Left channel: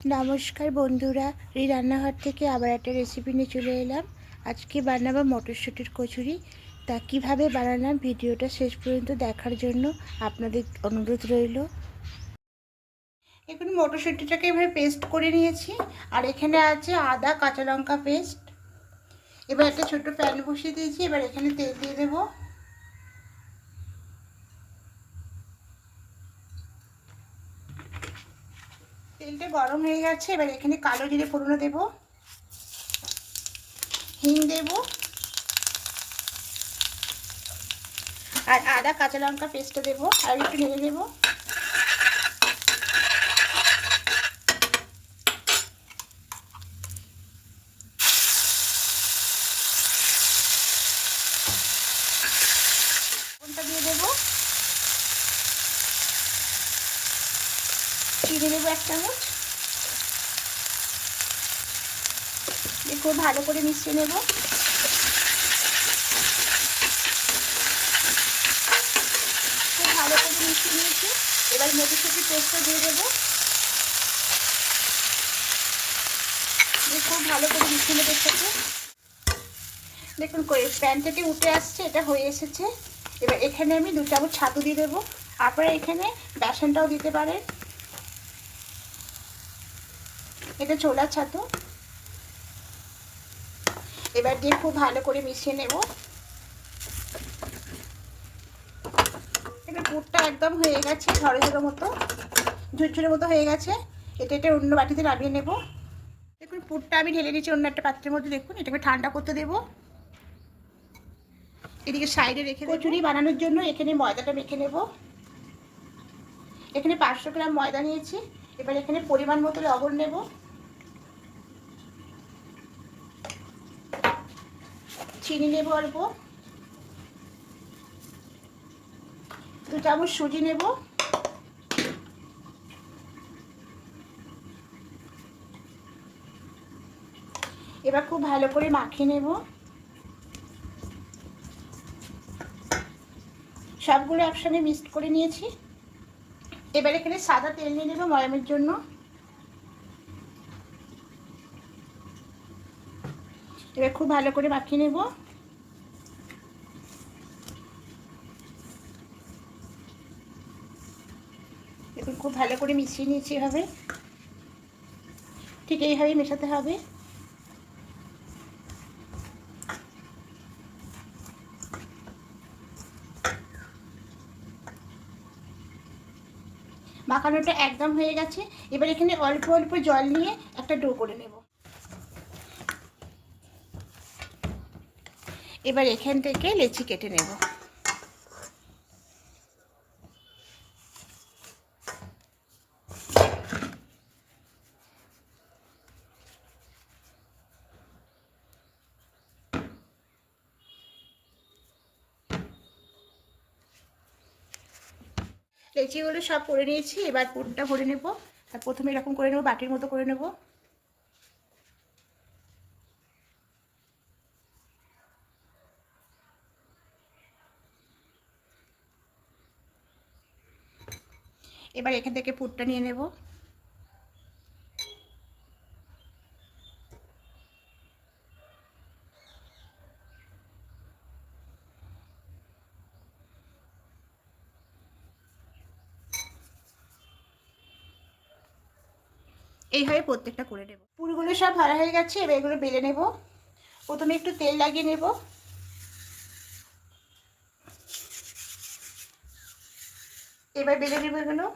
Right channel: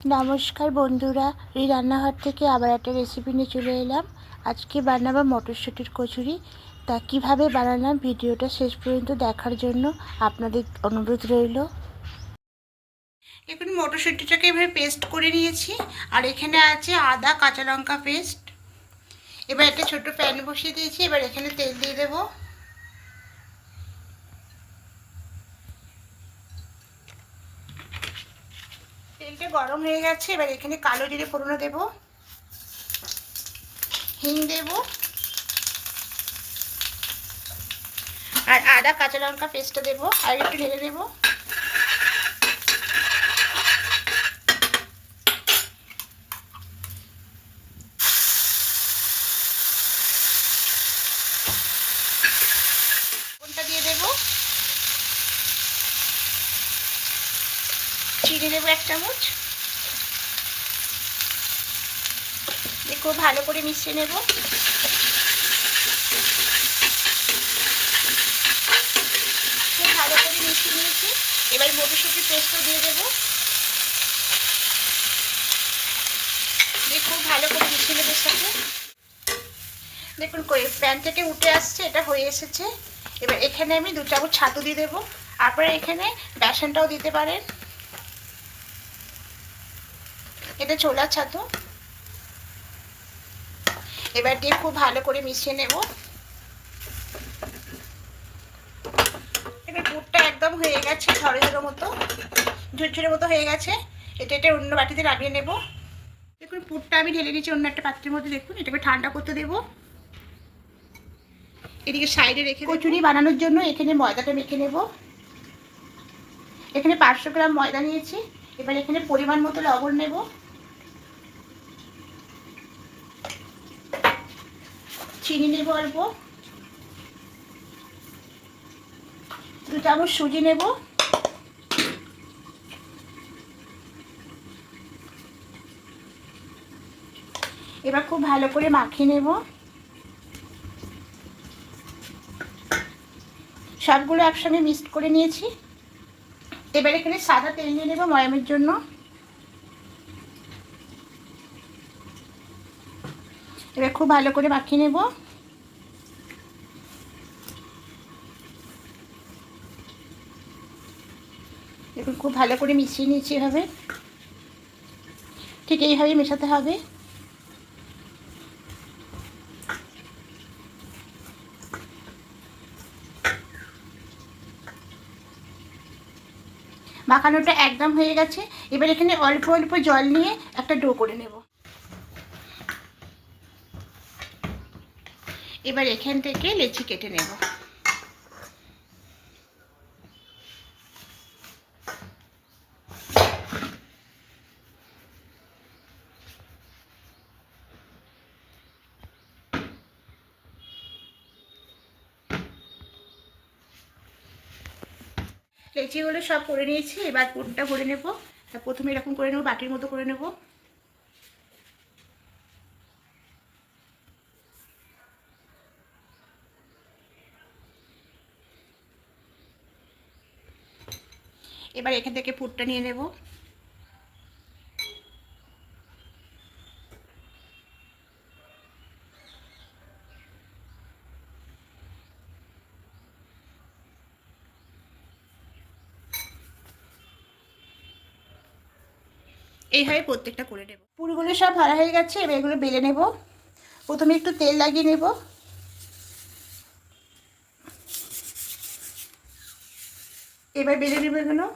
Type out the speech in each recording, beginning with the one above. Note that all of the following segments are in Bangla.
নমস্কার বন্ধুরা, এই রান্নাঘর থেকে আবার একটা রেসিপি নিয়ে চলে এলাম। আজকে বানাবো মটরশুঁটির কচুরি। তা কীভাবে বানালাম ভিডিওটা শেষ পর্যন্ত দেখার জন্য আপনাদের অনুরোধ রইল। এখন মটরশুঁটিটাকে এভাবে পেস্ট করে নিয়েছি, আর এখানে আছে আদা কাঁচা লঙ্কা পেস্ট এবার একটা ছোট প্যান বসিয়ে দিয়েছি, এবার এখানে তেল দিয়ে দেবো। তেলটা গরম হয়ে গেছে, এবার এখানে কালো জিরে ফোড়নো দেব। হিং দেব। আর আদা কাঁচা লঙ্কা পেস্টটা দেবো, আর একটু নেড়ে দেবো কোনটা দিয়ে দেবো চিনি দেবো এক চামচ। খুব ভালো করে মিশিয়ে নেব। খুব ভালো করে মিশিয়ে নিয়েছি। এবার মটরশুঁটির পেস্টটা দিয়ে দেবো। দিয়ে খুব ভালো করে মিশিয়ে নেব সাথে দেখুন প্যান থেকে উঠে আসছে, এটা হয়ে এসেছে। এবার এখানে আমি দু চামচ ছাতু দিয়ে দেবো। আপনারা এখানে বেসনটাও দিতে পারেন। এটা ছোলার ছাতু। এবার দিয়ে খুব ভালো করে মিশিয়ে নেব। এবার পুরটা একদম হয়ে গেছে ঝরে ঝরে মতো, ঝুরঝুরে মতো হয়ে গেছে। এটা এটা অন্য বাটিতে নামিয়ে নেব। দেখুন, পুরটা আমি ঢেলে নিয়েছি অন্য একটা পাত্রের মধ্যে, দেখুন, এটাকে ঠান্ডা করতে দেবো। এদিকে সাইডে রেখে কচুরি বানানোর জন্য এখানে ময়দাটা মেখে নেব। এখানে পাঁচশো গ্রাম ময়দা নিয়েছি। এবার এখানে পরিমাণ মতো লবণ নেব। চিনি নেব অল্প। দু চামচ সুজি নেব। এবার খুব ভালো করে মাখিয়ে নেব। সবগুলো একসঙ্গে মিক্সড করে নিয়েছি। এবার এখানে সাদা তেল নিয়ে নেব ময়ামের জন্য। এবার খুব ভালো করে মাখিয়ে নেব। দেখুন খুব ভালো করে মিশিয়ে নিয়েছি এভাবে। ঠিক এইভাবেই মেশাতে হবে। মাখানোটা একদম হয়ে গেছে। এবার এখানে অল্প অল্প জল নিয়ে একটা ডো করে নেব। এবার এখান থেকে লেচি কেটে নেব। লেচিগুলো সব করে নিয়েছি, এবার পুরটা ভরে নেব। প্রথমে এরকম করে নেব, বাটির মতো করে নেব। এবার এখান থেকে পুরটা নিয়ে নেব। এইভাবে প্রত্যেকটা করে নেব। পুরগুলো সব ভরা হয়ে গেছে, এবার এগুলো বেলে নেব। প্রথমে একটু তেল লাগিয়ে নেব। এবার বেলে নেব এগুলো।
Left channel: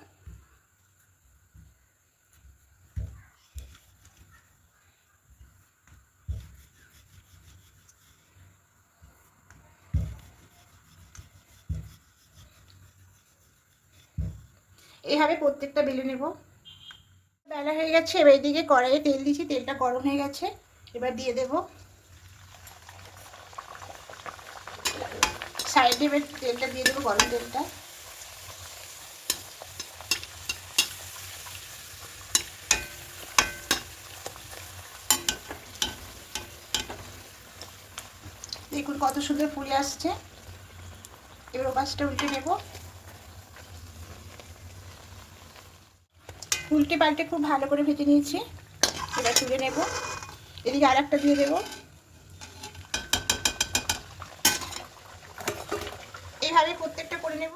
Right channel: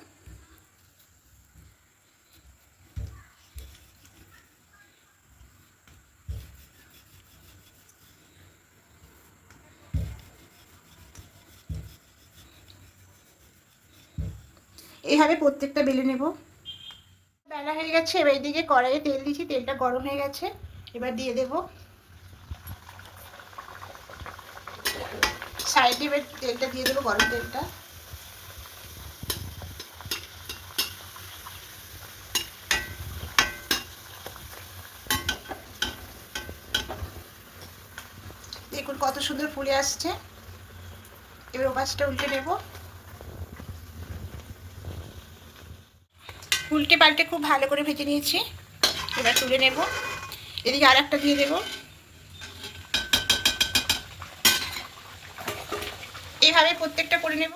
এইভাবে প্রত্যেকটা বেলে নেব। বেলা হয়ে গেছে, এবার এদিকে কড়াইয়ে তেল দিয়েছি তেলটা গরম হয়ে গেছে, এবার দিয়ে দেব। সাইডে এবার তেলটা দিয়ে দেবো, গরম তেলটা। দেখুন কত সুন্দর ফুলে আসছে। এবার ওপাশটা উল্টে নেব। উল্টে পাল্টে খুব ভালো করে ভেজে নিয়েছি। এবার তুলে নেব। এদিকে আর একটা দিয়ে দেব। এইভাবে প্রত্যেকটা করে নেব।